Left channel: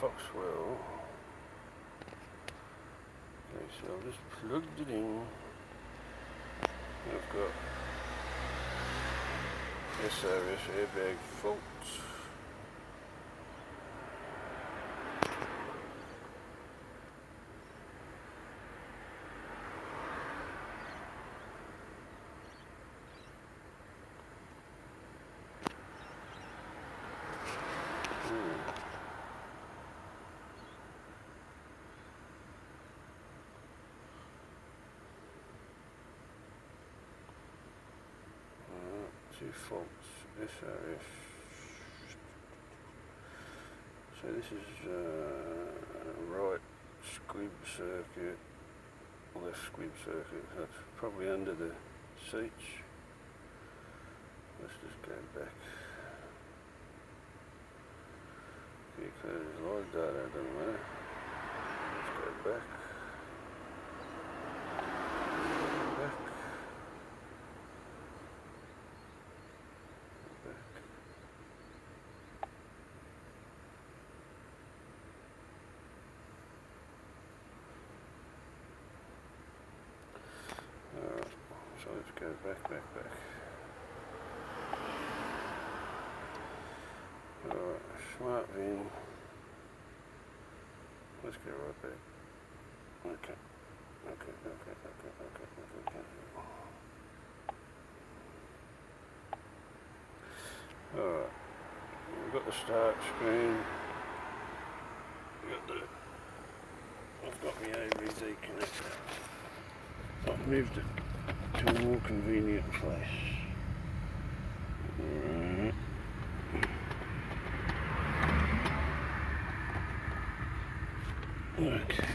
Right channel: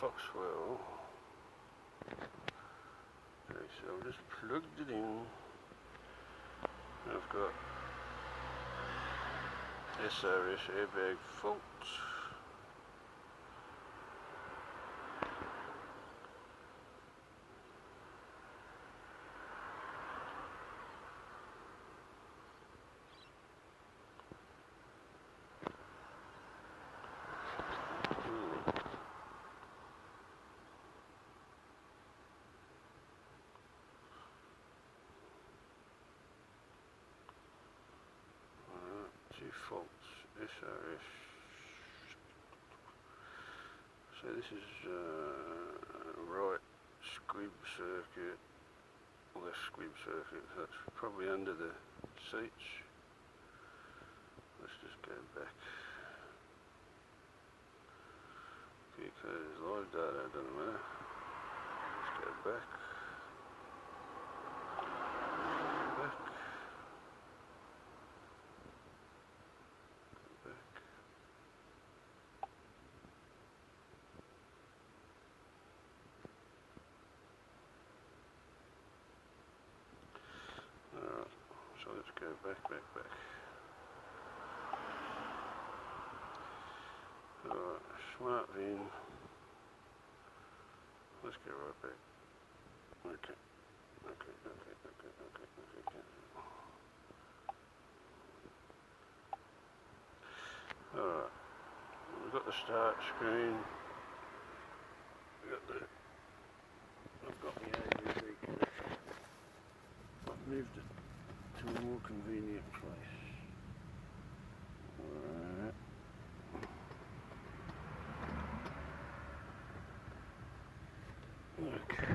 foxwell. Okay, so I've just plugged it in. I've got SRS airbag fault. Two faults, SRS. So this is right squib circuit, left squib circuit. That's probably under the seats. Let's just go back. Because live data doesn't matter. Let's go back. So let's go back. Alright, smart VIN. Let's go right back. Okay. Alright, we've got the start screen. I've got my ABZ connector. I've moved it to a more convenient place. Alright. Okay.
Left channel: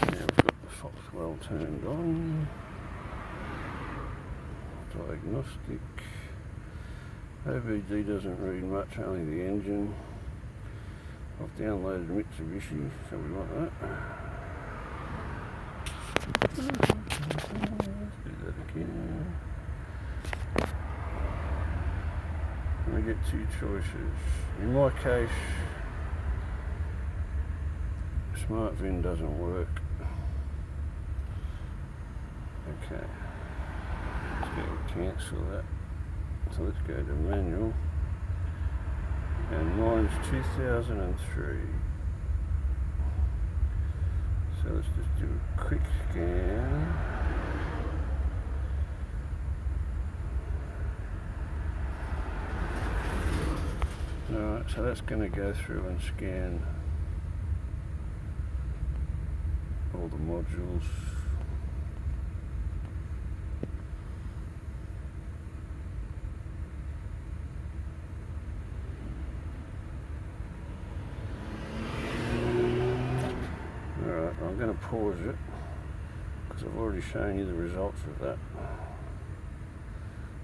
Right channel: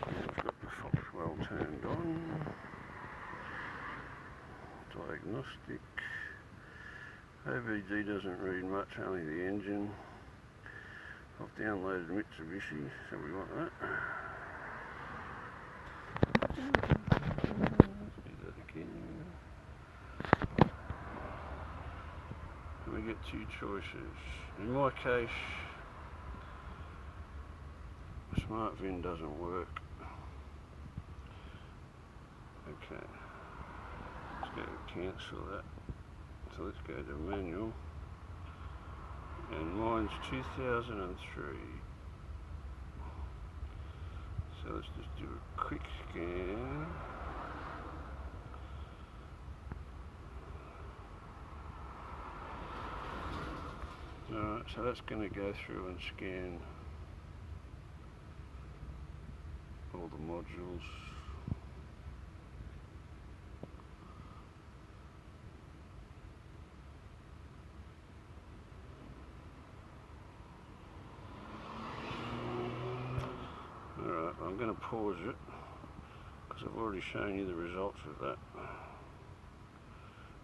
Now we've got the foxwell turned on. Diagnostic. ABZ doesn't read much, only the engine. I've downloaded Mitsubishi, so we want that. Let's do that again. And we get two choices. In my case, Smart VIN doesn't work. Okay. Let's go cancel that. So let's go to manual. And mine's 2003. So let's just do a quick scan. Alright, so that's going to go through and scan all the modules. Alright, I'm going to pause it because I've already shown you the results of that.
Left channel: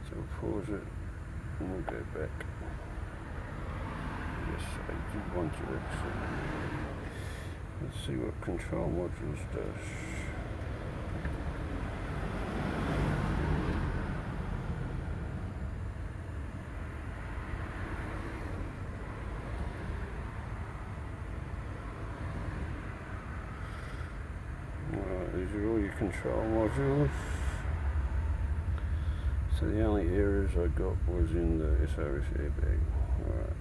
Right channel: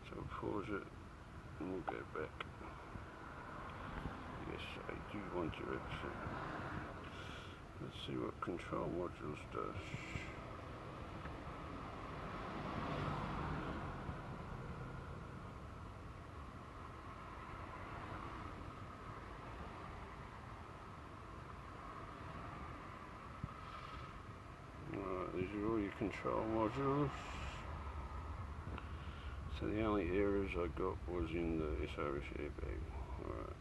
So we'll pause it and we'll go back. Yes, I do want to exit. Let's see what control modules does. Alright, these are all your control modules. So the only errors I got was in the SRS airbag. Alright.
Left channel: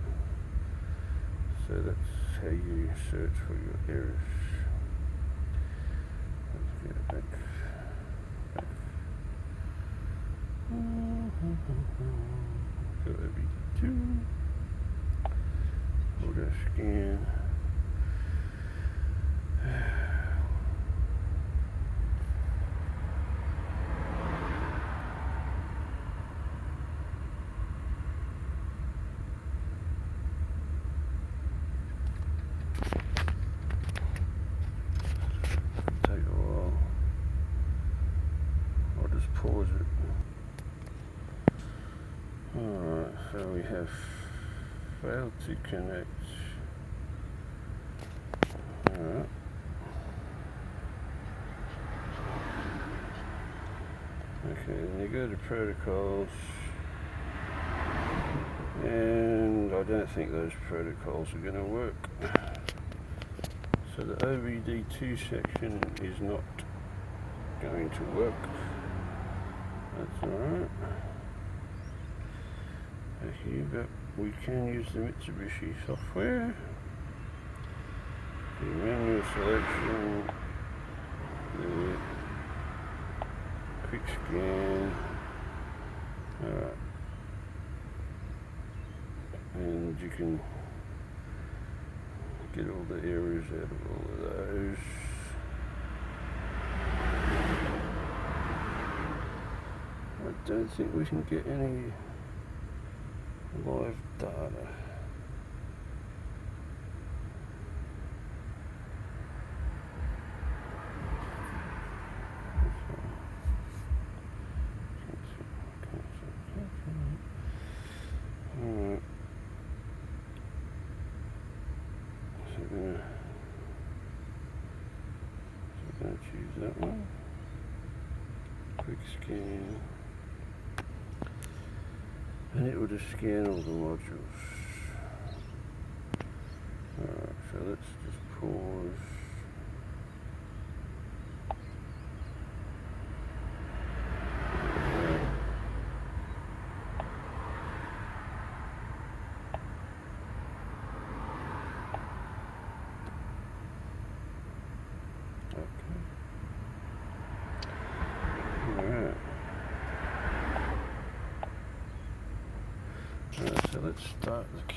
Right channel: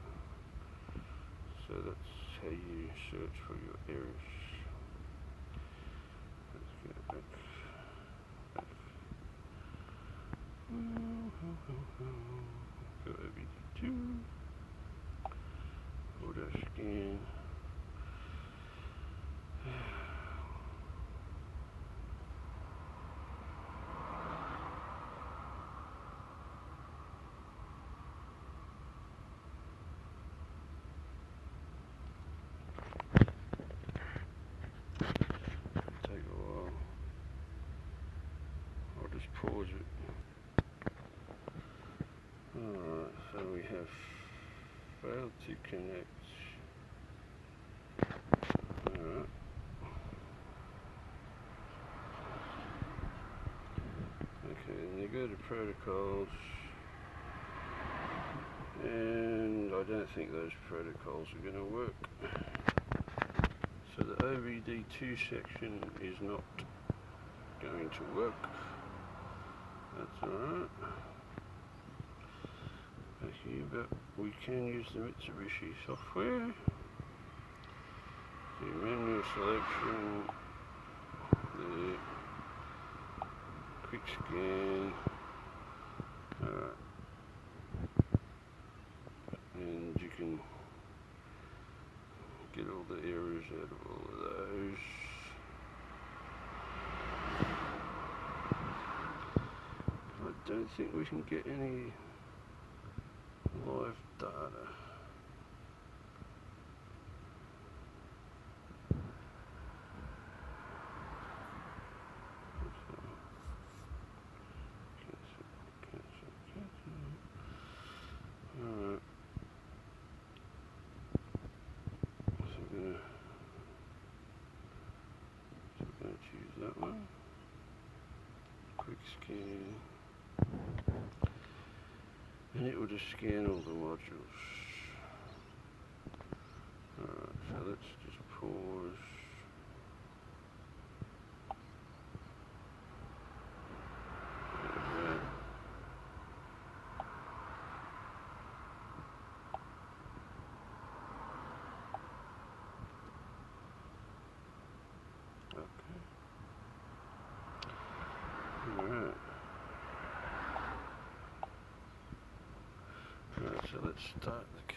So that's how you search for your errors. Let's go back. Go OBD2. Auto scan. Pause it. Alright, so we have failed to connect. Alright. Okay, then you go to protocols, and I don't think those protocols are going to work. So the OBD2 section is not going to work. That's alright. Okay, but we can use the Mitsubishi software. The manual selection, the quick scan. Alright. And you can get all the errors out of all of those. I don't think we can get any live data. Alright. So we're going to choose that one. Quick scan. And it will just scan all the modules. Alright, so let's just pause. Alright. So let's start the